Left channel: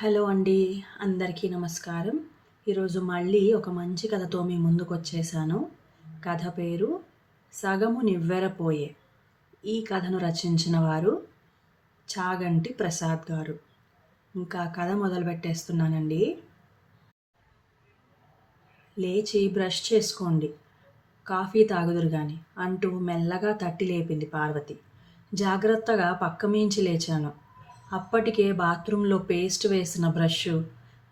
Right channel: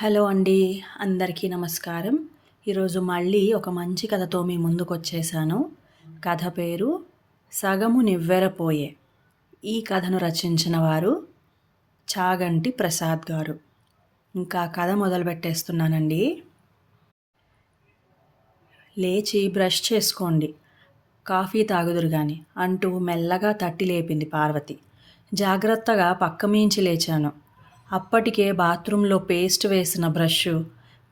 Hello అండి. అందరికీ నమస్కారం. ఈరోజు మళ్ళీ ఒక మంచి కథతో మీ ముందుకొచ్చేసాను. కథ పేరు 'సగము నివ్వెరపోయే'. ఈ కథను రచించిన వారు చాగంటి ప్రసాద్ గారు. ఇంకా కథ మొదలుపెట్టేస్తున్నానండి. లేచి బ్రష్ చేసుకోండి, కాఫీ తాగుదురు గాని అంటూ మెల్లగా తట్టి లేపింది పార్వతి. జాగ్రత్తగా పక్కమీంచి లేచాను. అప్పటికే బాత్రూంలో పేస్ట్ వేసిన బ్రష్,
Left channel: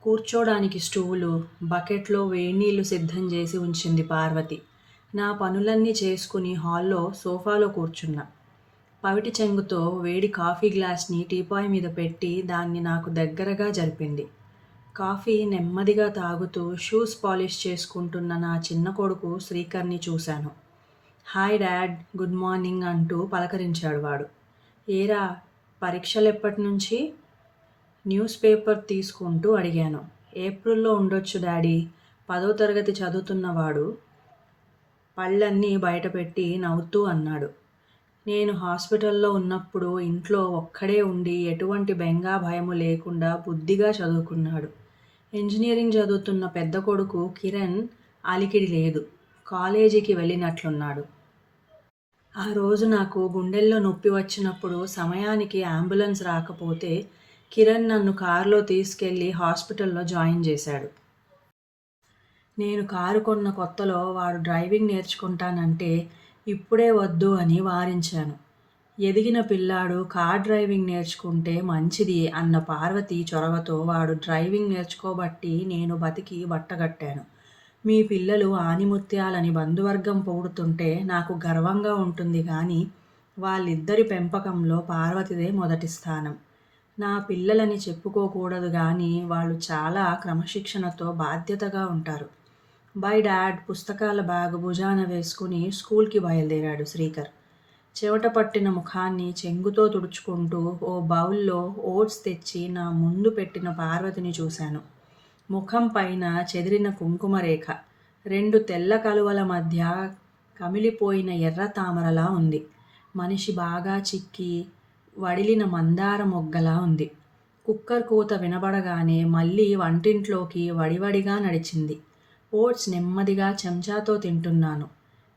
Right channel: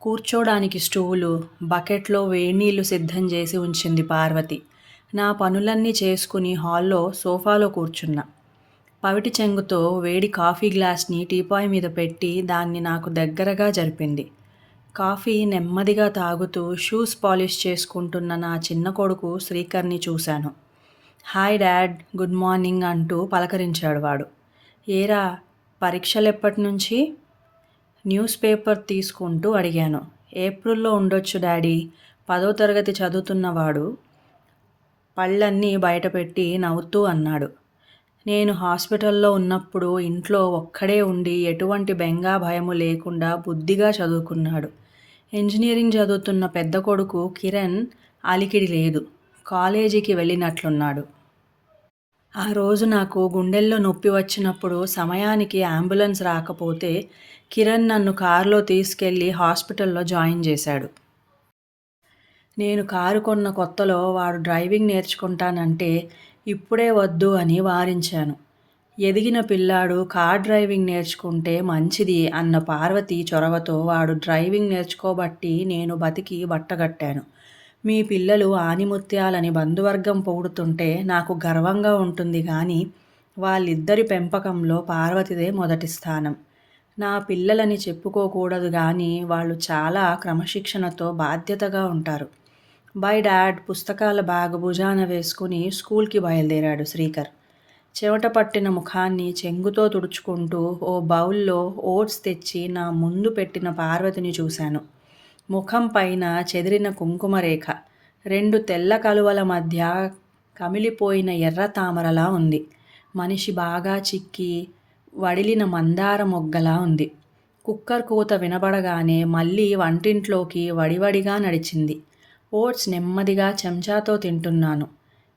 కూర్చోడానికి స్టూలు, బకెట్లో వేడినీళ్లు సిద్ధం చేసి ఉంచింది పార్వతి. నా పనులన్నీ చేసుకుని హాల్లో సోఫాలో కూర్చున్నా. పవిటి చెంగుతో వేడి కాఫీ గ్లాస్ని టీపాయ్ మీద పెట్టి దాన్ని నాకు దగ్గరగా జరిపింది. కాఫీ నెమ్మదిగా తాగుతూ షూస్ పాలిష్ చేసుకుంటున్న నా చిన్న కొడుకు శ్రీకర్ని చూశాను. హాయ్ డాడ్, గుడ్ మార్నింగ్ అంటూ పలకరించాడు వాడు. ఏరా, పరీక్షలెప్పటినుంచి? న్యూస్ పేపర్ తీసుకుంటూ అడిగాను. ఏప్రిల్లో ఉండొచ్చు డాడీ. 10వ తరగతి చదువుతున్నవాడు పళ్ళన్నీ బయటపెట్టి నవ్వుతూ అన్నాడు. నేను హాస్పిటల్లో ఉన్నప్పుడు ఇంట్లో ఒక్కడే ఉండి ఎటువంటి బెంగా భయము లేకుండా బుద్ధిగా చదువుకున్నాడు. ఇంజనీరింగ్ చదువుతున్న పెద్ద కొడుకు కిరణ్ అలికిడి లేదు. కాలేజీకి వెళ్ళినట్లున్నాడు. ఆ రోజు నాకు గుండెల్లో నొప్పి వచ్చినప్పుడు సమయానికి అంబులెన్స్ రాకపోతే కిరణ్ నన్ను కారులో తీసుకెళ్ళి హాస్పిటల్లో జాయిన్ చేశాడు. నేను కారు కొన్న కొత్తలో వాడు డ్రైవింగ్ నేర్చుకుంటానంటే ఇప్పుడే వద్దు అని వారించాను. ఎదిగిన పిల్లాడు కార్ డ్రైవింగ్ నేర్చుకుంటే మంచిది అన్న పార్వతి చొరవతో వాడు డ్రైవింగ్ నేర్చుకోబట్టి నేను బతికి బట్టగట్టాను. మీ పిల్లలు ఆనిముత్యాలని బంధువర్గం పొగుడుతుంటే నాకు గర్వంగా ఉంటుంది కానీ వాళ్ళిద్దరి పెంపకంలో పార్వతిదే మొదటి స్థానం. నా పిల్లలని చెప్పుకోకూడదు కానీ వాళ్ళు చాలా క్రమశిక్షణతో బాధ్యతగా ఉంటారు. బై డాడ్ పుస్తకాల బ్యాగ్ భుజాన వేసుకుని స్కూల్కి బయలుదేరాడు శ్రీకర్. చెమట పట్టిన ముఖాన్ని చెంగుతో తుడుచుకుంటూ ఓ బౌల్లో ఓట్స్ తెచ్చి నా ముందు పెట్టిన పార్వతిని చూశాను. ముఖం పైన చెదిరిన కుంకుమరేఖ 2 తెల్ల కలువల మధ్య కమిలిపోయిన ఎర్ర తామరలా ఉంది. మనిషి బాగా చిక్కి వడిలిన మందార మొగ్గలా ఉంది. కుక్కర్ కూత వినబడగానే మళ్ళీ వంటింట్లోకి వడివడిగా నడిచింది. ఓట్స్ నెమ్మదిగా చెంచాతో తింటున్నాను.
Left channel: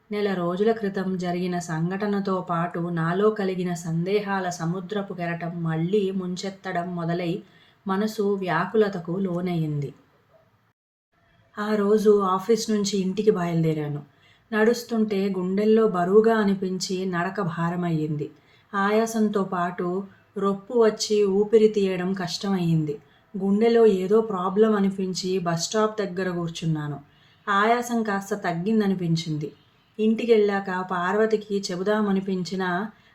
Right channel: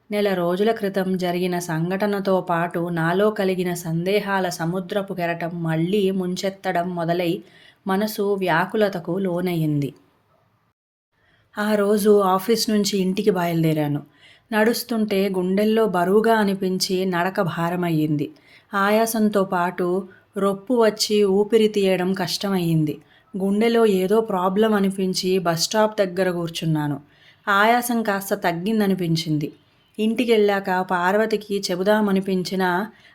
నెల రోజుల క్రితం జరిగిన సంఘటనతో పాటు నాలో కలిగిన సందేహాల సముద్రపు కెరటం మళ్ళీ ముంచెత్తడం మొదలై మనసు వ్యాకులతకు లోనయ్యింది. ఆ రోజు ఆఫీస్ నుంచి ఇంటికి బయలుదేరాను. నడుస్తుంటే గుండెల్లో బరువుగా అనిపించి నడక భారమయ్యింది. ఆయాసంతో పాటు రొప్పు వచ్చి ఊపిరి తీయడం కష్టమయ్యింది. గుండెలో ఏదో ప్రాబ్లం అనిపించి బస్టాప్ దగ్గర కూర్చున్నాను. ఆయాసం కాస్త తగ్గిందనిపించింది. ఇంటికెళ్ళాక పార్వతికి చెబుదామనిపించినా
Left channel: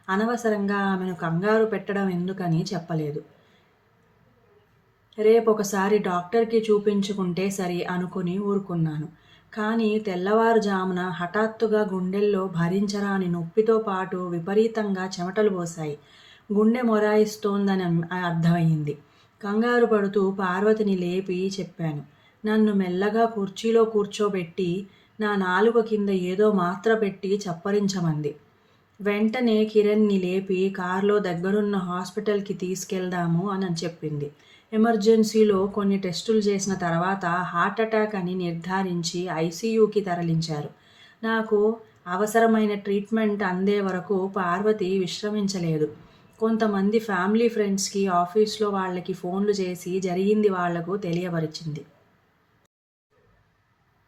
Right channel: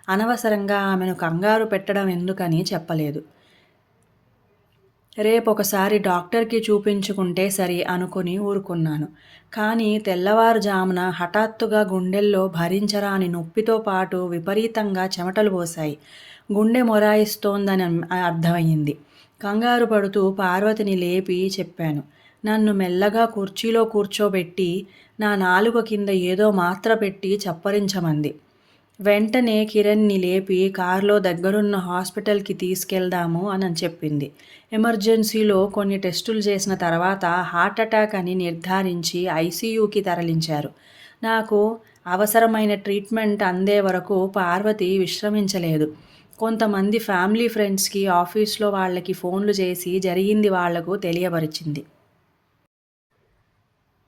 అనవసరంగా ఆమెను కంగారు పెట్టడం ఎందుకని చెప్పలేదు. రేపొకసారి డాక్టర్కి చూపించుకుంటే సరి అనుకుని ఊరుకున్నాను. కానీ తెల్లవారుజామున హఠాత్తుగా గుండెల్లో భరించరాని నొప్పితో పాటు విపరీతంగా చెమటలు పోశాయి. గుండె మొరాయిస్తోందని అర్థమయ్యింది. కంగారు పడుతూ పార్వతిని లేపి చెప్పాను. నన్ను మెల్లగా కుర్చీలో కూర్చోబెట్టి నా నాలుక కింద ఏదో మాత్ర పెట్టి చప్పరించమంది. వెంటనే కిరణ్ని లేపి కారులో దగ్గరున్న హాస్పిటల్కి తీసుకెళ్దాము అని చెప్పింది. ఎమర్జెన్సీలో కొన్ని టెస్టులు చేసిన తర్వాత హార్ట్ అటాక్ అని నిర్ధారించి ఐసీయూకి తరలించారు. నాకు అవసరమైన ట్రీట్మెంట్ అందే వరకు పార్వతి విశ్రమించలేదు. కొంతమంది ఫ్యామిలీ ఫ్రెండ్స్కి ఆఫీస్లో వాళ్ళకి ఫోన్లు చేసి జరిగింది వాళ్లకు తెలియపరిచింది.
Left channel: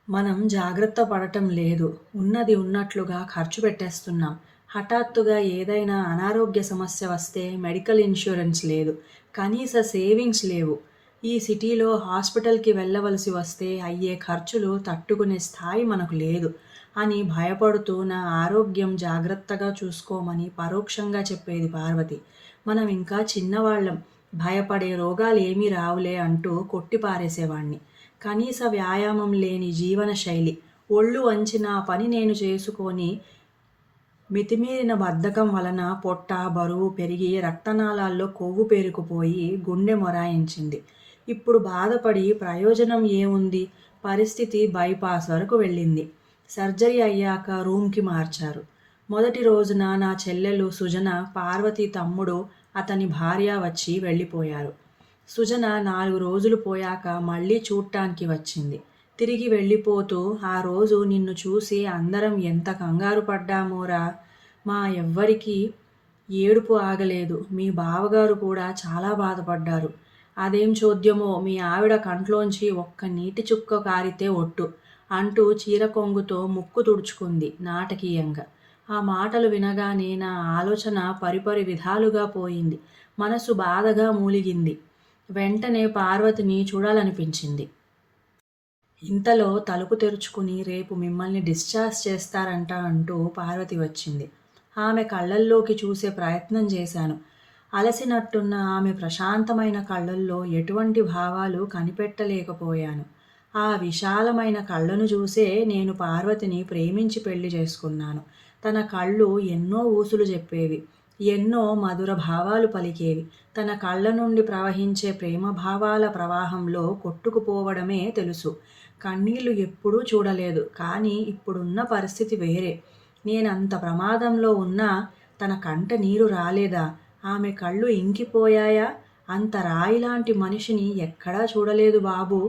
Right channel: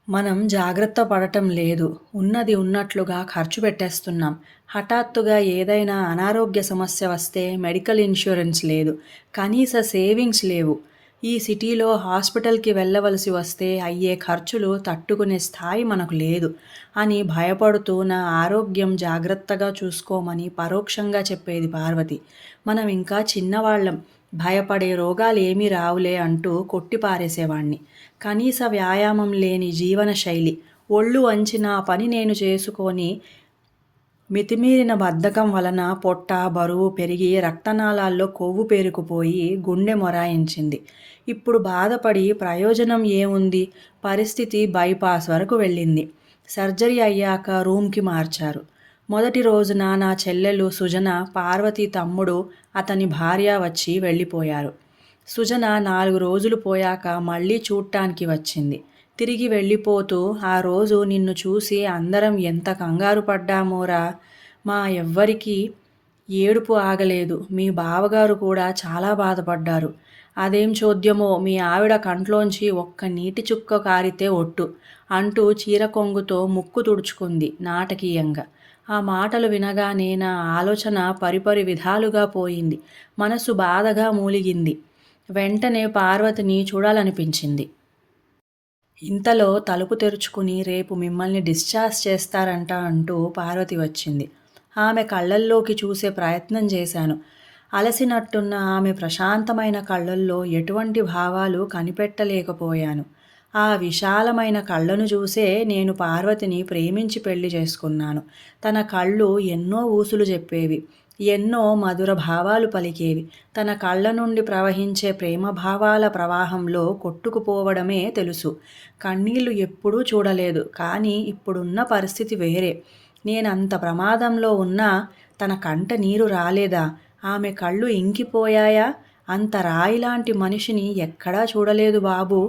మనం జాగ్రత్త పడటం లేదు. ఉన్నది ఉన్నట్లుగా ఖర్చు పెట్టేస్తున్నాం. హఠాత్తుగా ఏదైనా అనారోగ్య సమస్య వస్తే మెడికల్ ఇన్సూరెన్స్ లేదు. కనీస సేవింగ్స్ లేవు. ఈ సిటీలో హాస్పిటల్కి వెళ్ళవలసి వస్తే అయ్యే ఖర్చులు తట్టుకునే స్థాయి మనకు లేదు అని భయపడుతూ నా ఆరోగ్యం జాగ్రత్తగా చూసుకోమని పరోక్షంగా చెప్పేది పార్వతి. మనం ఇంకా చిన్నవాళ్ళం, భయపడే రోగాలు ఏమీ రావులే అంటూ కొట్టిపారేసేవాణ్ణి. కనీస వ్యాయామం లేని జీవనశైలి, ఒళ్ళు వంచి నా పని నేను చేసుకొని మితిమీరిన బద్ధకం వలన పొట్ట బరువు పెరిగి రక్తనాళాల్లో కొవ్వు పేరుకుపోయి గుండె మొరాయించింది. ఇప్పుడు బాధపడి ప్రయోజనం ఏముంది? పరిస్థితి బైపాస్ వరకు వెళ్ళింది. సర్జరీ అయ్యాక రూమ్కి మార్చారు. మొదటి రోజున నా చెల్లెలు సుజన, పార్వతి తమ్ముడు, అతని భార్య వచ్చి వెళ్ళిపోయారు. సుజన 4 రోజులు పోయాక మళ్ళీ చూడ్డానికి వచ్చింది. తిరిగి వెళ్ళిపోతూ, "ఆ రోజు నిన్ను చూసి అందరం ఎంత కంగారు పడ్డామోరా! మా ఎవ్వరికీ ఏడుపు ఆగలేదు. మీ బావగారు కూడా చాలా బాధపడ్డారు. అదేం చోద్యమో మీ ఆవిడ కంట్లోంచి ఒక్క నీటి చుక్క కారితే ఒట్టు" అంటూ చీర కొంగుతో ముక్కు తుడుచుకుంది నాటకీయంగా. ఆ మాటలు వినగానే నా ఆలోచన పరిపరి విధాలుగా పోయింది. మనసు బాధగా మూలిగింది. వెంటనే పార్వతిని చూడాలనిపించింది. ఇంతలో తలుపు తెరుచుకుని, "రేపు మిమ్మల్ని డిశ్చార్జ్ చేస్తారంట" అంటూ పార్వతి వచ్చింది. ఆమె కళ్ళల్లోకి చూసే ప్రయత్నం చేశాను. అలసినట్టున్న ఆమె ప్రశాంతమైన కళ్ళల్లో ఎటువంటి భావాలు కనిపెట్టలేకపోయాను. ఆ విశాలమైన కళ్ళను చూసే నేను పార్వతిని ప్రేమించి పెళ్లి చేసుకున్నాను. తన కళ్ళు ఎన్నో ఊసులు చెప్పేవి. ఎన్నో మధుర భావాలు పలికేవి. తన కళ్ళ నుండి ప్రవహించే ప్రేమభావాల ప్రవాహంలో కొట్టుకుపోవడమే తెలుసు. కన్నీళ్లు ఎప్పుడూ చూడలేదు. కానీ ఇప్పుడున్న పరిస్థితి వేరే. నేనంత ప్రమాదంలో ఉన్నా తన కంట నీరు రాలేదా? ఆమె కళ్ళు ఇంకిపోయాయా? అంత రాయిలాంటి మనిషిని ఎక్కడా చూడలేదు బాబూ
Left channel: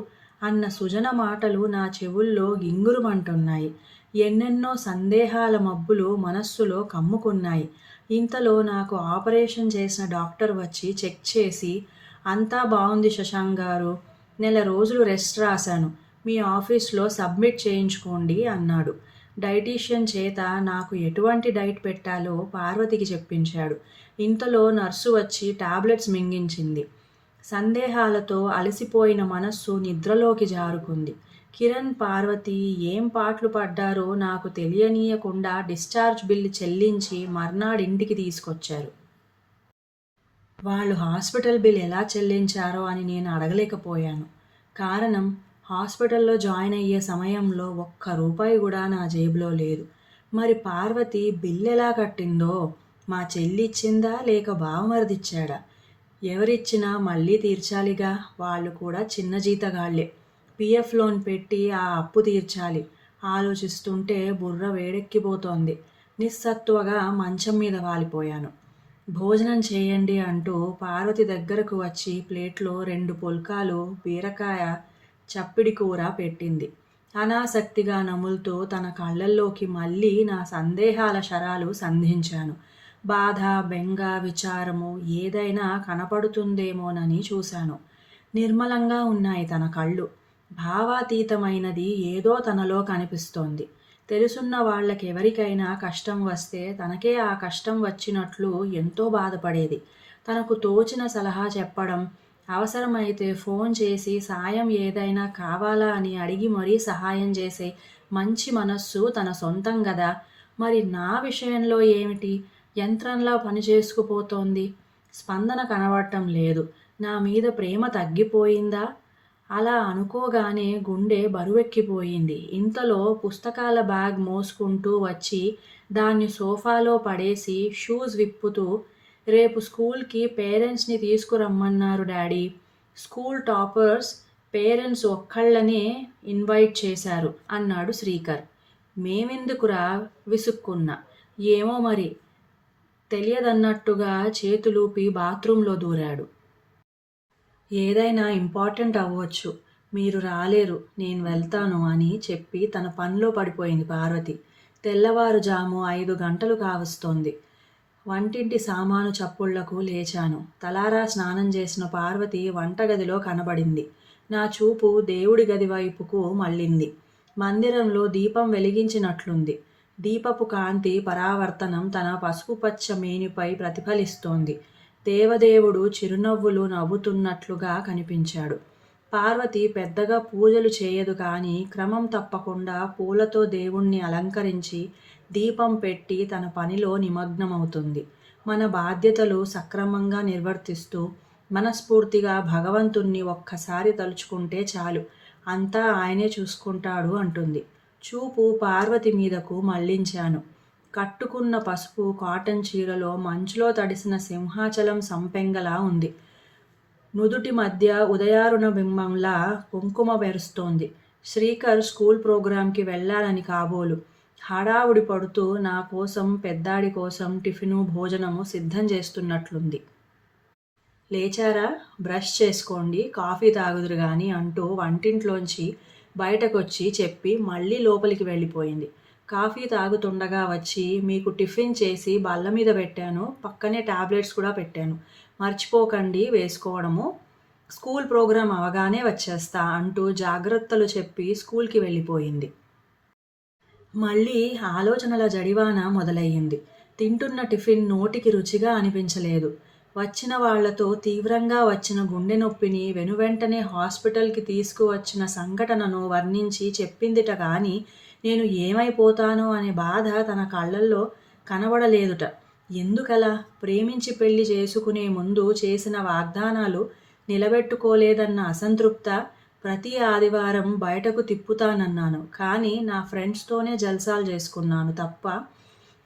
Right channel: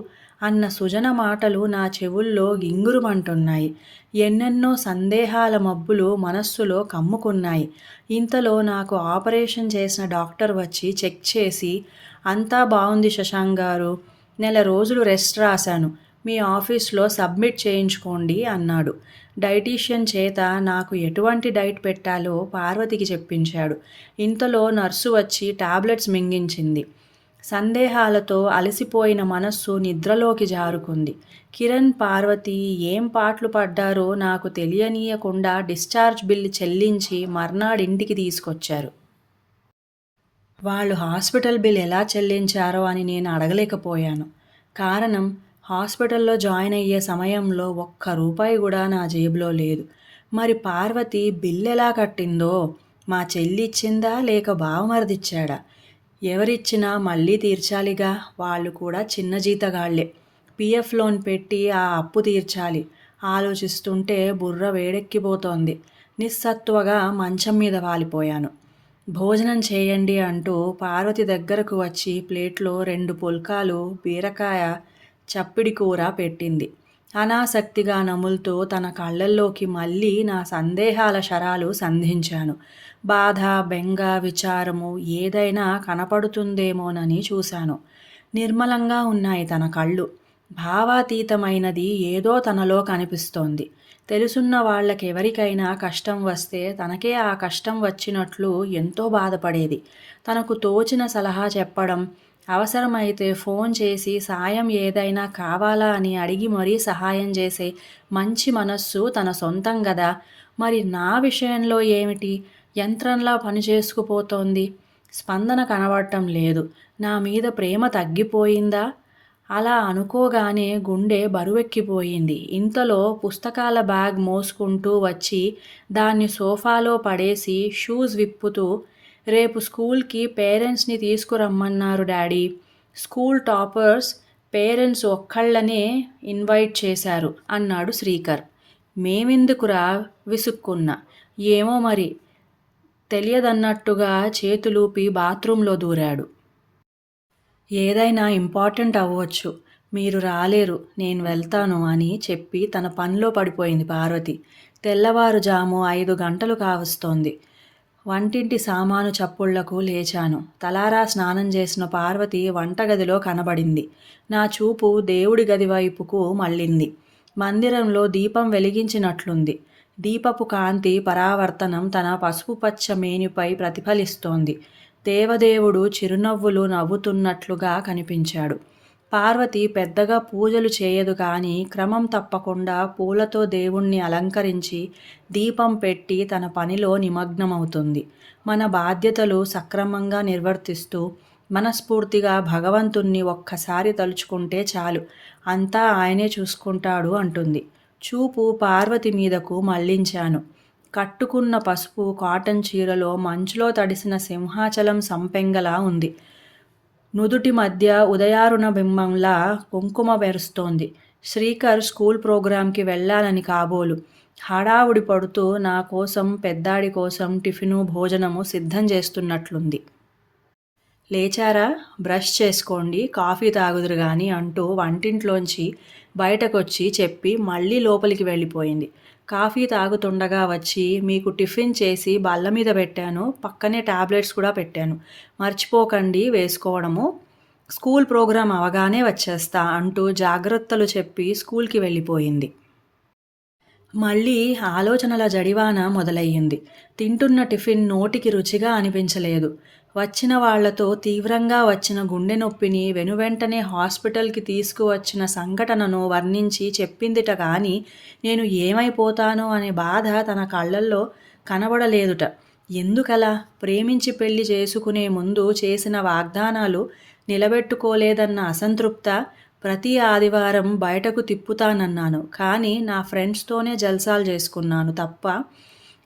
అన్న సుజన మాటలు నా చెవుల్లో గింగురుమంటున్నాయి. ఎన్నెన్నో సందేహాల మబ్బులు మనస్సులో కమ్ముకున్నాయి. ఇంతలో నాకు ఆపరేషన్ చేసిన డాక్టర్ వచ్చి చెక్ చేసి, "అంతా బావుంది శశాంక్ గారు. నెల రోజులు రెస్ట్ రాశాను. మీ ఆఫీస్లో సబ్మిట్ చేయించుకోండి" అన్నాడు. డైటీషియన్ చేత నాకు ఎటువంటి డైట్ పెట్టాలో పార్వతికి చెప్పించాడు. ఇంతలో నర్సు వచ్చి టాబ్లెట్స్ మింగించింది. సందేహాలతో అలసిపోయిన మనస్సు నిద్రలోకి జారుకుంది. కిరణ్, పార్వతి ఏం పాట్లు పడ్డారో నాకు తెలియనీయకుండా డిశ్చార్జ్ బిల్లు చెల్లించి మర్నాడింటికి తీసుకొచ్చారు. వాళ్ళు హాస్పిటల్ బిల్ ఎలా చెల్లించారో అని నేను అడగలేకపోయాను. కారణం, హాస్పిటల్లో జాయిన్ అయ్యే సమయంలో ఒక్క రూపాయి కూడా నా జేబులో లేదు. మరి పార్వతి బిల్లెలా కట్టిందో? మా చెల్లి ఇచ్చిందా లేక బావమరిదిచ్చాడా? ఎవరిచ్చినా మళ్ళీ తీర్చాలిగా. వాళ్ళు కూడా చిన్న జీతగాళ్లే. పీఎఫ్ లోన్ పెట్టి ఆ అప్పు తీర్చాలి. ఆలోచిస్తుంటే బుర్ర వేడెక్కిపోతోంది. నిస్సత్తువగా మంచం మీద వాలిపోయాను. భోజనం చేయండి అంటూ పార్వతి దగ్గరకు వచ్చి ప్లేట్లో 2 పుల్కాలు, బీరకాయ చప్పిడి కూర పెట్టింది. అనాసక్తిగా నములుతూ తన కళ్ళల్లోకి మళ్ళీ నా సందేహాల శరాలు సంధించాను. బాధ, బెంగ, విచారము ఏదైనా కనపడుతుందేమోనని చూశాను. నిర్మలంగా ఉన్నాయి తన కళ్ళు. భావాతీతమైనది ఏదో తనలో కనిపిస్తోంది. తెలుసున్న వాళ్ళకెవరికైనా కష్టం వస్తే తనకే ఆ కష్టం వచ్చినట్లు ఎంతో బాధపడేది. తనకు తోచిన సలహా చెప్పడం, అవసరమైతే ఫోన్ చేసి సాయం ఏదైనా కావాలా అని అడిగి మరీ సహాయం చేసే మంచి మనస్సు తన సొంతం గదా. మరి నా విషయంలో ఏమిటి? యంత్రంలా పనిచేసుకుపోతోంది. స్పందన కనబడటం లేదు. నా మీద ప్రేమ తగ్గిపోయిందా? అలా అనుకోగానే గుండె బరువెక్కిపోయింది. ఇంతలో పుస్తకాల బ్యాగ్ మోసుకుంటూ వచ్చి దాన్ని సోఫాలో పడేసి షూస్ విప్పుతూ, "రేపు స్కూల్కి పేరెంట్స్ని తీసుకురమ్మన్నారు డాడీ. స్కూల్ టాపర్స్ పేరెంట్స్ ఒక్కళ్ళనే ఇన్వైట్ చేశారు" అన్నాడు శ్రీకర్. "మేమెందుకురా" విసుక్కున్నా. "ఏమో మరి" తెలియదన్నట్టుగా చేతులూపి బాత్రూంలో దూరాడు. "ఏదైనా ఇంపార్టెంట్ అవ్వొచ్చు. మీరు రాలేరు. నేను వెళ్తాను" అని చెప్పి తన పనిలో పడిపోయింది పార్వతి. తెల్లవారుజాము 5 గంటలు కావస్తోంది. వంటింటి సామాను చప్పుళ్లకు లేచాను. తలారా స్నానం చేసిన పార్వతి వంటగదిలో కనబడింది. నా చూపు దేవుడి గది వైపుకు మళ్ళింది. మందిరంలో దీపం వెలిగించినట్లుంది. దీపపు కాంతి పరావర్తనం తన పసుపుపచ్చ మేనిపై ప్రతిఫలిస్తోంది. దేవదేవుడు చిరునవ్వులు నవ్వుతున్నట్లుగా కనిపించాడు. పార్వతి పెద్దగా పూజలు చేయదు కానీ క్రమం తప్పకుండా పూలతో దేవుణ్ణి అలంకరించి దీపం పెట్టి తన పనిలో నిమగ్నమవుతుంది. మన బాధ్యతలు సక్రమంగా నిర్వర్తిస్తూ మనస్ఫూర్తిగా భగవంతుణ్ణి ఒక్కసారి తలుచుకుంటే చాలు, అంతా ఆయనే చూసుకుంటాడు అంటుంది. చూపు పార్వతి మీదకు మళ్లించాను. కట్టుకున్న పసుపు కాటన్ చీరలో మంచులో తడిసిన సింహాచలం సంపెంగలా ఉంది. నుదుటి మధ్య ఉదయారుణ బింబంలా కుంకుమ మెరుస్తోంది. శ్రీకర్ స్కూల్ ప్రోగ్రాంకి వెళ్ళాలని కాబోలు. హడావుడి పడుతూ నా కోసం, పెద్దాడి కోసం టిఫిను, భోజనము సిద్ధం చేస్తున్నట్లుంది. లేచారా? బ్రష్ చేసుకోండి, కాఫీ తాగుదురు గాని అంటూ వంటింట్లోంచి బయటకొచ్చి చెప్పి మళ్ళీ లోపలికి వెళ్ళిపోయింది. కాఫీ తాగుతుండగా వచ్చి మీకు టిఫిన్ చేసి బల్ల మీద పెట్టాను. పక్కనే టాబ్లెట్స్ కూడా పెట్టాను. మర్చిపోకండి వేసుకోవడము. స్కూల్ ప్రోగ్రాం అవగానే వచ్చేస్తా అంటూ జాగ్రత్తలు చెప్పి స్కూల్కి వెళ్ళిపోయింది. మళ్ళీ ఆలోచనల జడివాన మొదలయ్యింది. తింటున్న టిఫిన్ నోటికి రుచిగా అనిపించలేదు. వచ్చిన వాళ్లతో తీవ్రంగా వచ్చిన గుండె నొప్పిని వెనువెంటనే హాస్పిటల్కి తీసుకువచ్చిన సంఘటనను వర్ణించి చెప్పిందిట గాని నేను ఏమైపోతానో అనే బాధ తన కళ్ళల్లో కనబడలేదుట. ఎందుకలా? ప్రేమించి పెళ్లి చేసుకునే ముందు చేసిన వాగ్దానాలు నిలబెట్టుకోలేదన్న అసంతృప్త. ప్రతి ఆదివారం బయటకు తిప్పుతానన్నాను. కానీ నా ఫ్రెండ్స్తోనే జల్సాలు చేసుకున్నాను తప్ప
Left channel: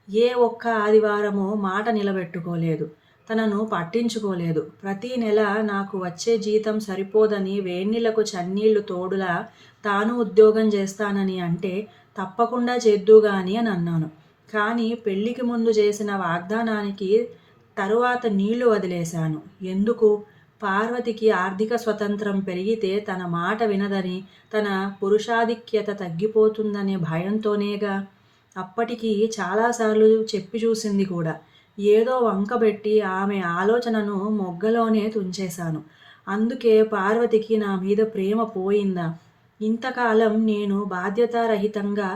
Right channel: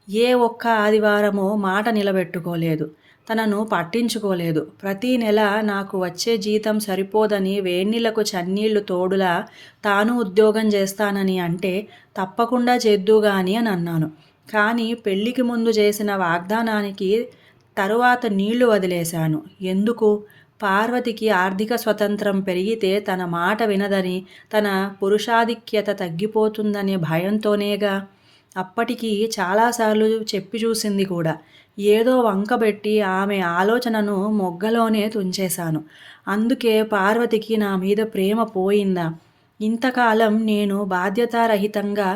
ఏ ఒక్క ఆదివారమో మాట నిలబెట్టుకోలేదు. తనను పట్టించుకోలేదు. ప్రతి నెల నాకు వచ్చే జీతం సరిపోదని వేన్నీళ్లకు చన్నీళ్లు తోడులా తాను ఉద్యోగం చేస్తానని అంటే తప్పకుండా చేద్దుగాని అని అన్నాను. కానీ పెళ్లికి ముందు చేసిన వాగ్దానానికి తరువాత నీళ్లు వదిలేశాను. ఎందుకు? పార్వతికి ఆర్థిక స్వతంత్రం పెరిగితే తన మాట వినదని, తన పురుషాధిక్యత తగ్గిపోతుందనే భయంతోనేగా. అప్పటికి చాలాసార్లు చెప్పి చూసింది కూడా. ఏదో వంకబెట్టి ఆమె ఆలోచనను మొగ్గలోనే తుంచేశాను. అందుకే పార్వతికి నా మీద ప్రేమ పోయిందా? ఇంతకాలం నేను బాధ్యతారహితంగా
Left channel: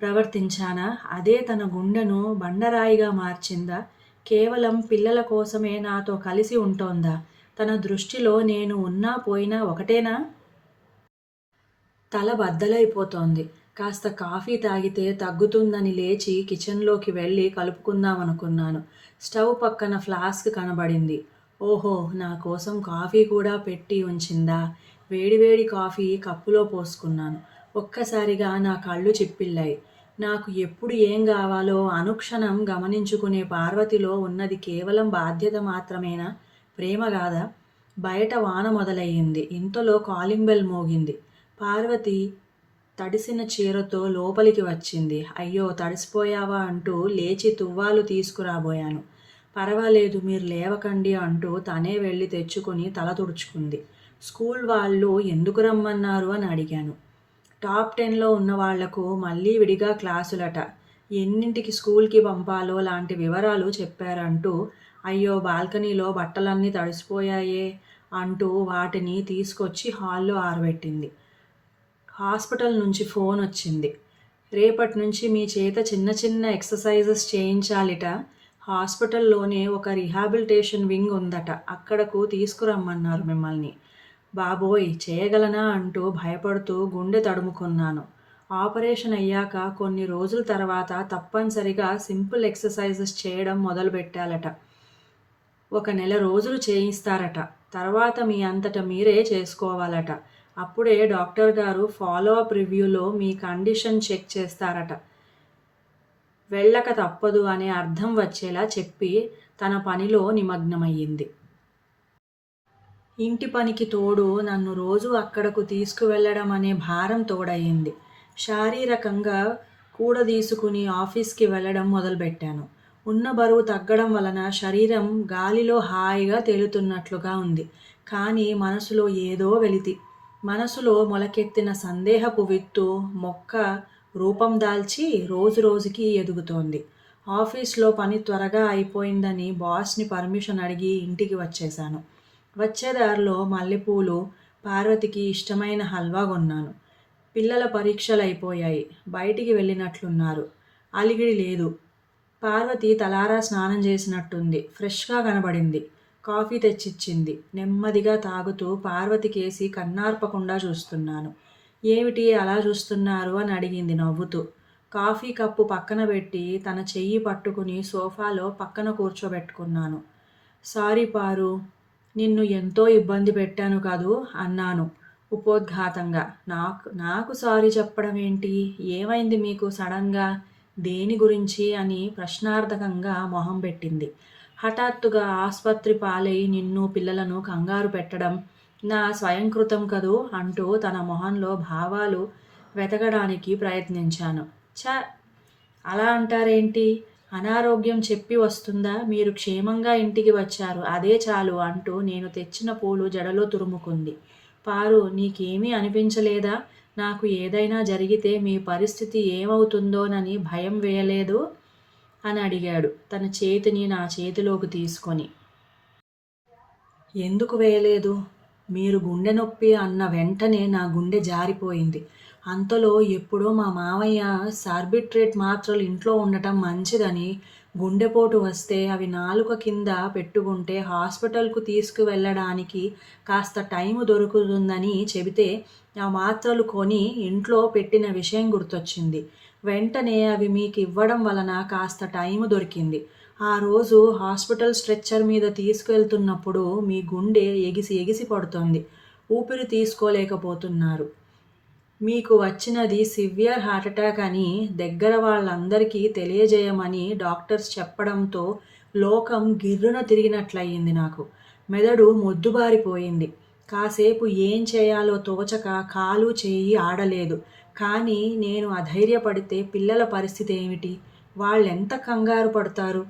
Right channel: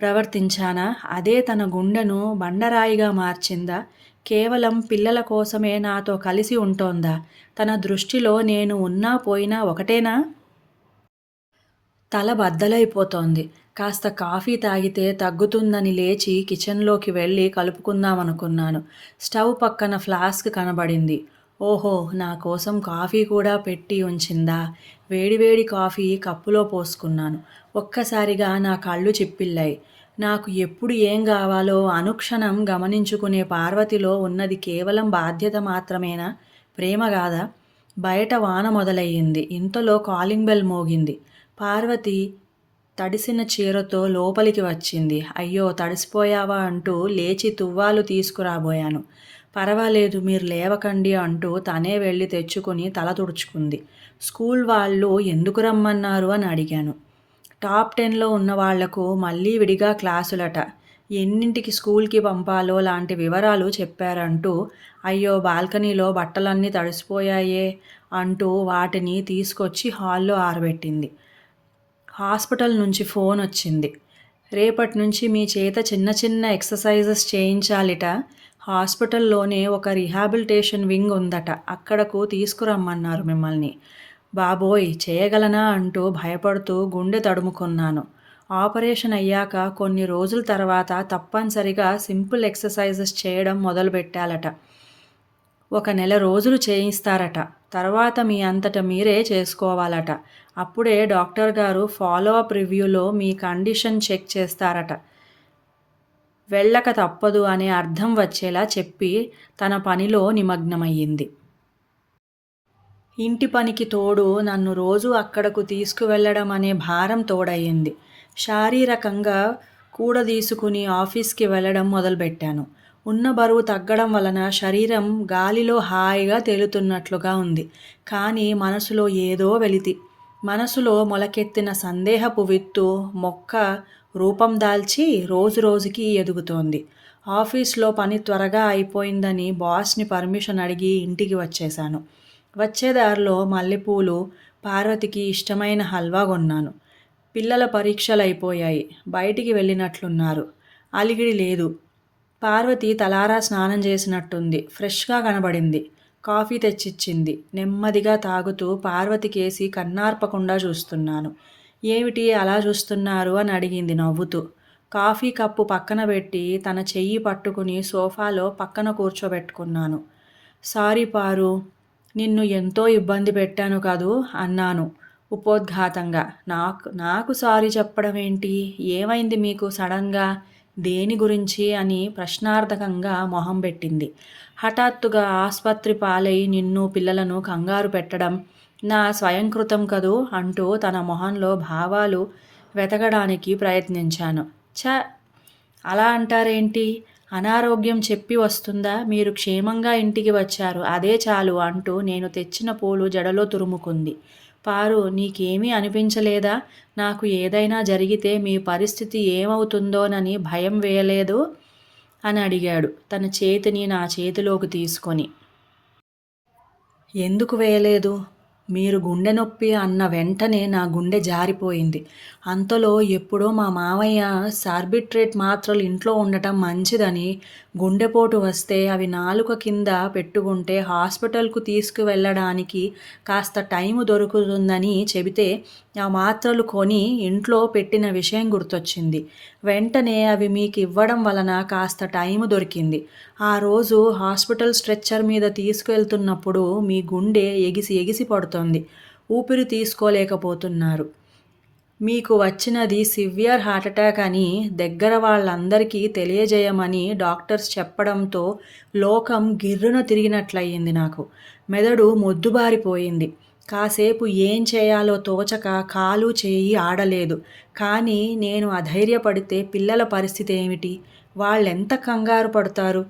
ప్రవర్తించానా? అదే తన గుండెను బండరాయిగా మార్చిందా? కేవలం పిల్లల కోసమే నాతో కలిసి ఉంటోందా? తన దృష్టిలో నేను ఉన్నా పోయినా ఒకటేనా? తల బద్దలైపోతోంది. కాస్త కాఫీ తాగితే తగ్గుతుందని లేచి కిచెన్లోకి వెళ్ళి కలుపుకుందామనుకున్నాను. స్టవ్ పక్కన ఫ్లాస్క్ కనబడింది. ఓహో, నా కోసం కాఫీ కూడా పెట్టి ఉంచిందా? వేడివేడి కాఫీ కప్పులో పోసుకున్నాను. ఒక్కసారిగా నా కళ్ళు చిప్పిల్లాయి. నాకు ఎప్పుడు ఏం కావాలో అనుక్షణం గమనించుకునే పార్వతిలో ఉన్నది కేవలం బాధ్యత మాత్రమేనా? ప్రేమ కాదా? బయట వాన మొదలయ్యింది. ఇంతలో కాలింగ్ బెల్ మోగింది. పార్వతి తడిసిన చీరతో లోపలికి వచ్చింది. అయ్యో, తడిసిపోయావా అంటూ లేచి తువ్వాలు తీసుకురాబోయాను. పర్వాలేదు, మీరు లేవకండి అంటూ తనే వెళ్ళి తెచ్చుకుని తల తుడుచుకుంది. స్కూల్ వాళ్ళు ఎందుకు రమ్మన్నారు అని అడిగాను. టాప్ 10లో ఉన్న వాళ్లకు మళ్ళీ విడిగా క్లాసులట. ఎన్నింటికి స్కూల్కి పంపాలో లాంటి వివరాలు చెప్పారంటూ. అయ్యో, బాల్కనీలో బట్టలన్నీ తడిసిపోయాయే అంటూ వాటిని తీసుకొచ్చి హాల్లో ఆరబెట్టింది. హాస్పిటల్ నుంచి ఫోన్ వచ్చింది. రేపటి నుంచి మీ చేత చిన్న చిన్న ఎక్సర్సైజెస్ చేయించాలిట. హాస్పిటల్లోనే ఒక రీహాబిలిటేషన్ వింగ్ ఉందట. అక్కడకు తీసుకురమ్మన్నారు మిమ్మల్ని. బాబోయ్, చేయగలనా అంటూ భయపడుతూ గుండె తడుముకున్నాను. ఆపరేషన్ అయ్యాక కొన్ని రోజుల తర్వాత తప్పనిసరిగా సింపుల్ ఎక్సర్సైజెస్ చేయడం మొదలుపెట్టాలట. 1 నెల రోజులు చేయిస్తారట. తర్వాత మీ అంతట మీరే చేసుకోవాలట. అప్పుడే డాక్టర్ గారు ఫాలో అప్ రివ్యూలో మీ కండిషన్ చెక్ చేస్తారట. వెళ్ళక తప్పదు అనే అర్థం వచ్చేలా చెప్పి తన పనిలో నిమగ్నమయ్యింది. ఇంటి పనికి తోడు నన్ను రోజు అక్కడకు తీసుకువెళ్ళడం అనే భారం తోడయింది. శారీరకంగా కూడదీసుకుని ఆఫీస్కి వెళ్ళడం మొదలుపెట్టాను. ఉన్న బరువు తగ్గడం వలన శరీరం గాలిలో హాయిగా తేలుతున్నట్లుగా ఉంది. కానీ మనసులో ఏదో వెలితి. మనసులో మొలకెత్తిన సందేహపు విత్తు మొక్క రూపం దాల్చి రోజురోజుకి ఎదుగుతోంది. ఆఫీస్లో పని త్వరగా అయిపోయిందని బాస్ని పర్మిషన్ అడిగి ఇంటికి వచ్చేశాను. వచ్చేదారిలో మల్లెపూలు, పార్వతికి ఇష్టమైన హల్వా కొన్నాను. పిల్లల పరీక్షలైపోయాయి. బయటికి వెళ్ళినట్లున్నారు. అలిగిడి లేదు. పార్వతి తలారా స్నానం చేసినట్టుంది. ఫ్రెష్గా కనబడింది. కాఫీ తెచ్చిచ్చింది. నెమ్మదిగా తాగుతూ పార్వతికేసి కన్నార్పకుండా చూస్తున్నాను. ఏమిటి అలా చూస్తున్నారు అని అడిగింది నవ్వుతూ. కాఫీ కప్పు పక్కన పెట్టి తన చెయ్యి పట్టుకుని సోఫాలో పక్కన కూర్చోబెట్టుకున్నాను. సారీ పారు, నిన్ను ఎంతో ఇబ్బంది పెట్టాను కదూ అన్నాను ఉపోద్ఘాతంగా. నాకు సారీ చెప్పడం ఏంటి? ఏమైంది మీకు సడన్గా? దేని గురించి అని ప్రశ్నార్థకంగా మొహం పెట్టింది. హఠాత్తుగా ఆస్పత్రి పాలై నిన్ను పిల్లలను కంగారు పెట్టడం నా స్వయంకృతం కదూ అంటూ తన మొహంలో భావాలు వెతకడానికి ప్రయత్నించాను. ఛ, అలా అంటారేంటి? అనారోగ్యం చెప్పి వస్తుందా? మీరు క్షేమంగా ఇంటికి వచ్చారు. అదే చాలు అంటూ నేను తెచ్చిన పూలు జడలో తురుముకుంది. పారు, నీకేమీ అనిపించలేదా? నాకు ఏదైనా జరిగితే మీ పరిస్థితి ఏమవుతుందోనని భయం వేయలేదు? అని అడిగాడు తన చేతిని నా చేతిలోకి తీసుకొని. ఎందుకు వేయలేదు? మీరు గుండె నొప్పి అన్న వెంటనే నా గుండె జారిపోయింది. అంతలో ఎప్పుడో మా మావయ్య సార్బిట్రేట్ మాత్రలు ఇంట్లో ఉండటం మంచిదని, గుండెపోటు వస్తే అవి నాలుక కింద పెట్టుకుంటే హాస్పిటల్కు తీసుకువెళ్ళడానికి కాస్త టైము దొరుకుతుందని చెబితే ఆ మాత్రలు కొని ఇంట్లో పెట్టిన విషయం గుర్తొచ్చింది. వెంటనే అవి మీకు ఇవ్వడం వలన కాస్త టైము దొరికింది. ఆ రోజు హాస్పిటల్ స్ట్రెచ్చర్ మీద తీసుకెళ్తున్నప్పుడు మీ గుండె ఎగిసి ఎగిసి పడుతోంది. ఊపిరి తీసుకోలేకపోతున్నారు. మీకు వచ్చినది సివియర్ హార్ట్అటాక్ అని దగ్గర వాళ్ళందరికీ తెలియజేయమని డాక్టర్స్ చెప్పడంతో లోకం గిర్రున తిరిగినట్లయింది నాకు. మెదడు మొద్దుబారిపోయింది. కాసేపు ఏం చేయాలో తోచక కాలు చేయి ఆడలేదు. కానీ నేను అధైర్యపడితే పిల్లల పరిస్థితి ఏమిటి? వాళ్ళెంత కంగారు పడతారు?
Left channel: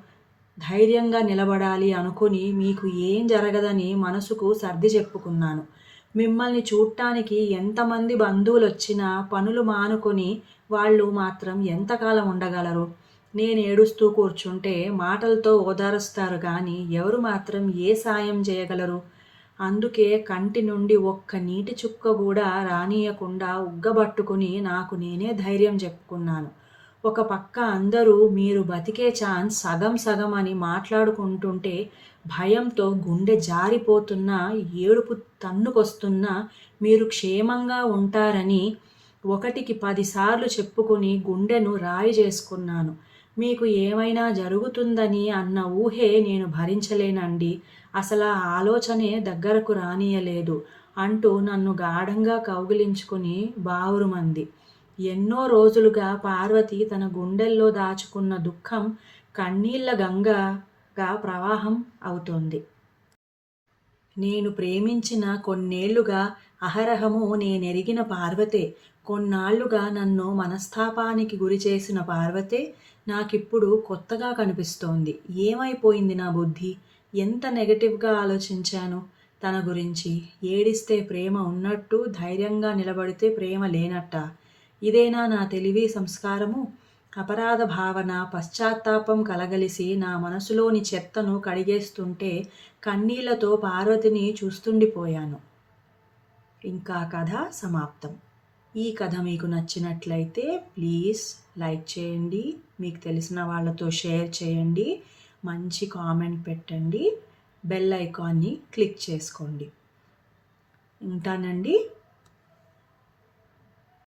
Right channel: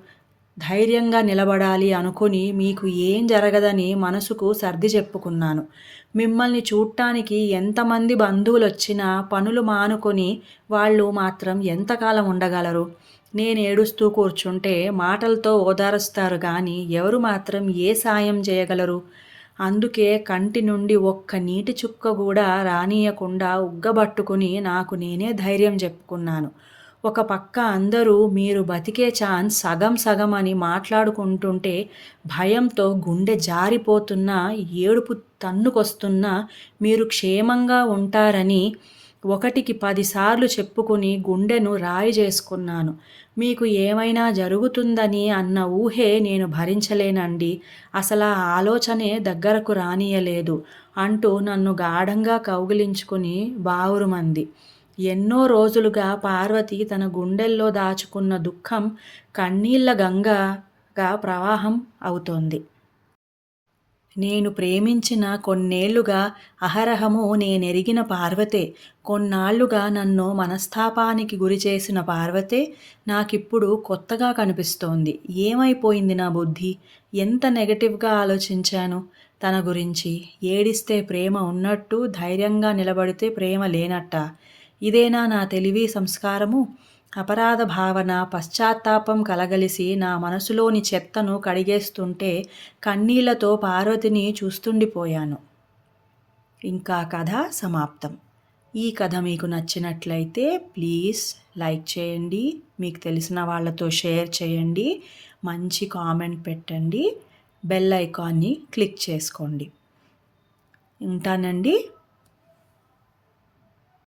ధైర్యంగా నిలబడాలి అనుకుని మీకు ఏం జరగదని మనసుకు సర్ది చెప్పుకున్నాను. మిమ్మల్ని చూట్టానికి ఎంతమంది బంధువులొచ్చినా పనులు మానుకొని వాళ్ళు మాత్రం ఎంతకాలం ఉండగలరు? నేను ఏడుస్తూ కూర్చుంటే మాటలతో ఓదారుస్తారు గాని ఎవరు మాత్రం ఏ సాయం చేయగలరు? అందుకే కంటి నుండి ఒక్క నీటి చుక్క కూడా రానీయకుండా ఉగ్గబట్టుకుని నాకు నేనే ధైర్యం చెప్పుకున్నాను. ఒక పక్క అందరూ మీరు బతికే ఛాన్స్ సగం సగం అని మాట్లాడుకుంటుంటే భయంతో గుండె జారిపోతున్నా, ఏడుపు తన్నుకొస్తున్నా మీరు క్షేమంగా ఉంటారని ఒకటికి 10 సార్లు చెప్పుకుని గుండెను రాయి చేసుకున్నాను. మీకు ఏమైనా జరుగుతుందని అన్న ఊహే నేను భరించలేనండి. అసలా ఆలోచనే దగ్గరకు రానీయలేదు అంటూ నన్ను గాఢంగా కౌగిలించుకుని బావురుమంది. ఎన్నో రోజులుగా పార్వతి తన గుండెల్లో దాచుకున్న దుఃఖం కన్నీళ్ల గంగగా ప్రవాహం అవుతోంది. నేను ప్రేమించిన కొన్నేళ్లుగా అహరహము నేనెరిగిన పార్వతే, కొన్నాళ్లుగా నన్ను మనస్తాపానికి గురిచేసిన పార్వతే నాకిప్పుడు కొత్తగా కనిపిస్తోంది. ఏమైపోయింది నా బుద్ధి? ఎంత నెగటివ్గా ఆలోచించాను తన గురించి. ఏడిస్తే ప్రేమ ఉన్నట్టు, ధైర్యంగా నిలబడితే ప్రేమ లేనట్టా? ఇదేనా నా తెలివి సంస్కారము? అపరాధ భావన, పశ్చాత్తాపం కలగలిసి నా మనసులోని చెత్తను కడిగేస్తుంటే కన్నీళ్లతో పార్వతిని చూస్తుండిపోయాను. ఇంకా కథ సమాప్తం. ఈ కథ మీకు నచ్చినట్లయితే ప్లీజ్ లైక్ చేయండి, మీకు తెలిసిన వాళ్ళతో షేర్ చేయండి, మంచి కామెంట్ పెట్టండి, బెల్ ఐకాన్ని క్లిక్ చేసుకోండి. ఉంటానండి.